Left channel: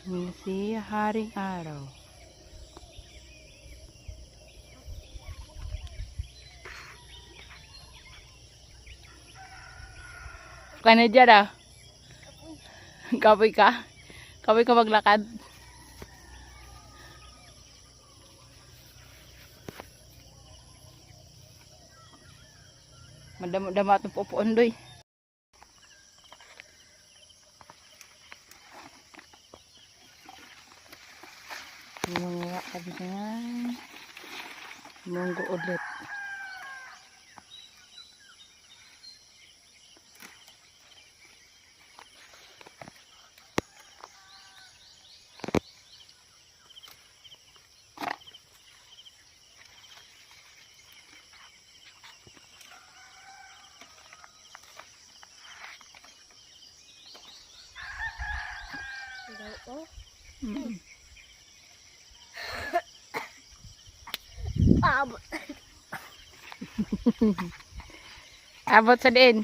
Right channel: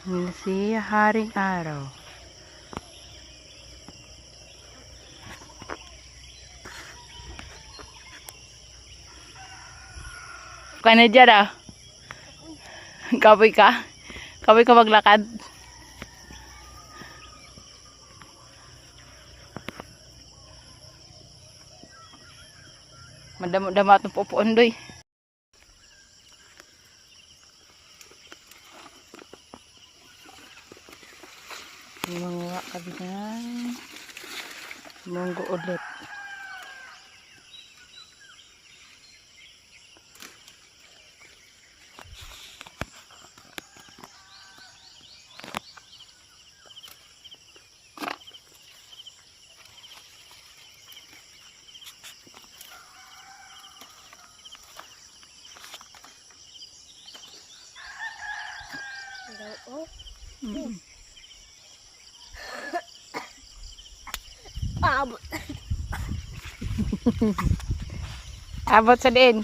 Si Haring Araw. Kaya dyan ah. Kapoy ka? Kapoy ka maglakad? Madamo-dama itong pupuan doy. Mga kami na munggo ulit. Abot. Abot sa din.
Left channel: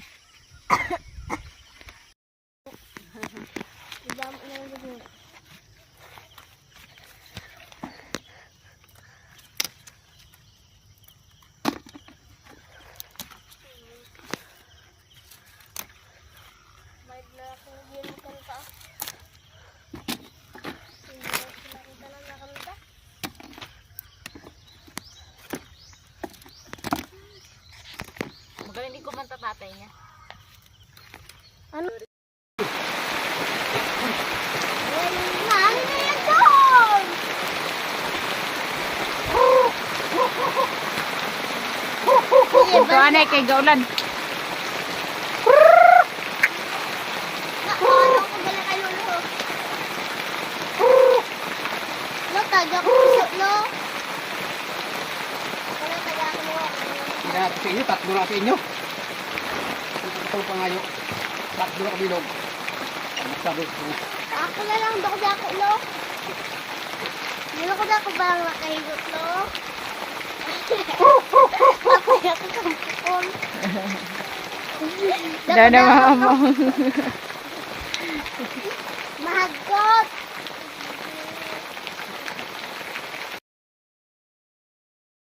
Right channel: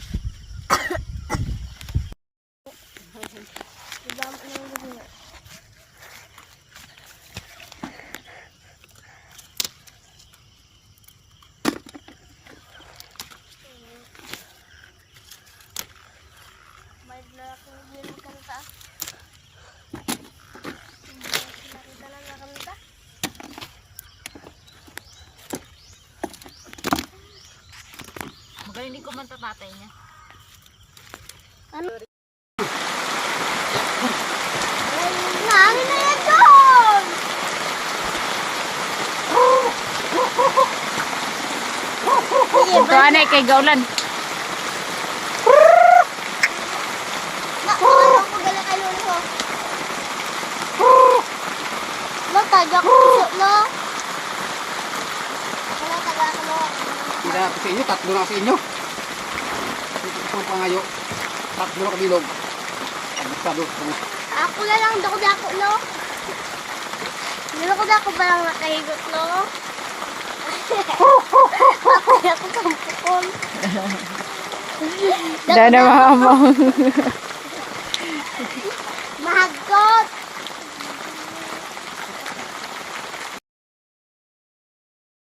May lakong yun kanta. Nakita lang na kanta. Magaling ko man tatay niya. Ano? Nani na yan doon! Ito anay kay Gaulan. Ano ko galing kayo nito? Lo, taga ko puso, lo. Ako lang taga ko, lo. Kaya sa inyo, tatlo na sa inyo. Ito pangayo. Tatlo na kabilog. Masyado. Ako na lang, dako-dako, lo. Dako-dako ba lang nakahigot, lo? Ako kampukon. Daw na mama. Mahagkot.